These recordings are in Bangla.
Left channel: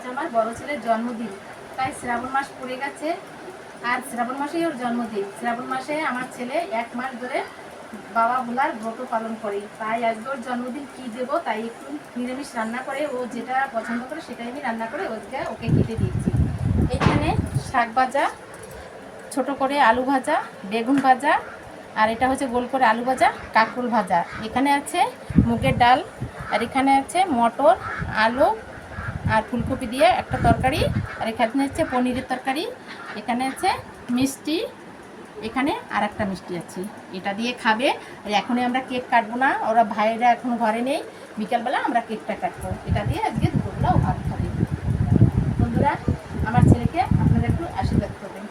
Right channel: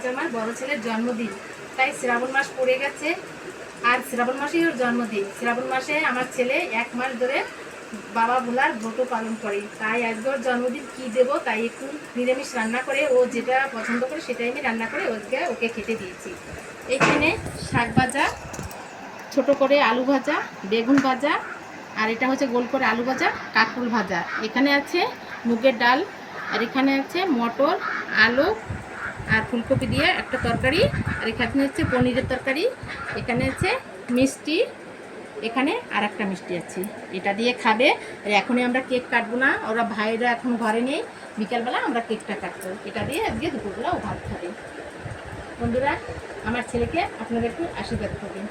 আজ আমার বড় ছেলের জন্মদিন, তাই শ্রাবণ মাস পড়ে গেছে আর শ্রাবণ মাসেই ওর জন্মদিন। শ্রাবণ মাসে আমার ছেলে 1 মাস ধরে বাবা ভোলার ব্রত পালন করে, তাই আজকে ওর জন্মদিন কী দেবো তাই একটু নিরামিষ রান্না করে, ও যেটা পছন্দ করে সেটাই আমি রান্না করে ওকে খেতে দিয়েছি। এখানে শাক ভাজা, ছোট করে আলু ভাজা, বেগুন ভাজা, আর এটা হচ্ছে গোল করে আলু ভাজা, কাঁকরোল ভাজা। এখানে আছে মুগের ডাল, আর এখানে আছে মটর, আলু আর ফুলকপি দিয়ে একটা তরকারি, আর এখানে হচ্ছে পনিরের তরকারি, এখানে আছে মিষ্টি, এখানে আর একটা মিষ্টি আছে। এটা দিয়ে খাবে। আর এখনই আমরা কেক কাটবো না, ওরা ভাইরা এখন ঘরে নেই, বিকালবেলা আমরা কেকটা কাটবো। এটা দিয়ে আজকে দুপুরবেলা ও ভাত খাবে। বন্ধুরা, আমার ছেলেকে আপনারা একটু আশীর্বাদ করবেন।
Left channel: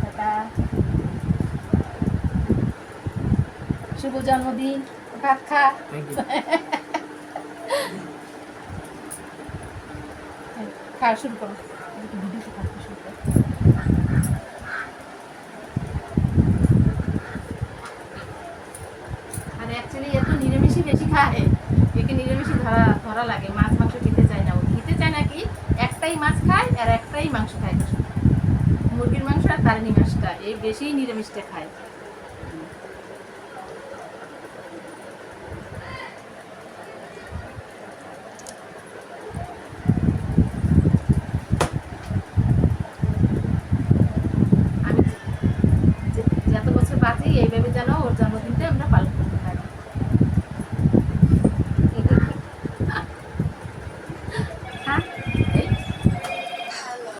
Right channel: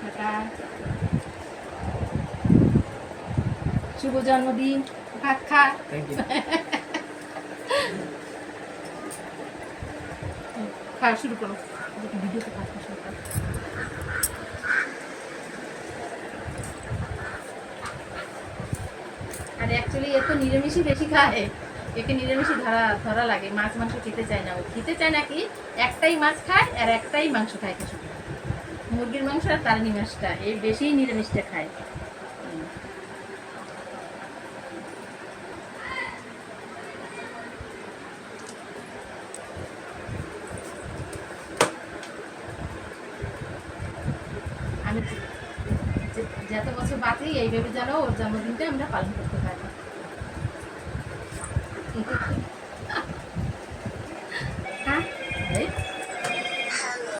টাটা। শুভ জন্মদিন, ভাত খা। খাওয়া শুরু করো, ভিডিওতে খাওয়া শুরু করো। আর অ্যাকচুয়ালি এ তো নিরামিষই বেশি খায়, একে নিরামিষই ধরা লাগে, মাছ মাংস খেতে চায় না। ও খেতে চায় না কি, একটাই মাছ খায় আর একটাই মাংস খায়, মুরগির মাংস আর তালনি মাছটা, এই বেশি নিরামিষটা খায়। আমি যত বছর বাঁচি এইভাবে যেন ওর জন্মদিনটা আমরা পালন করি।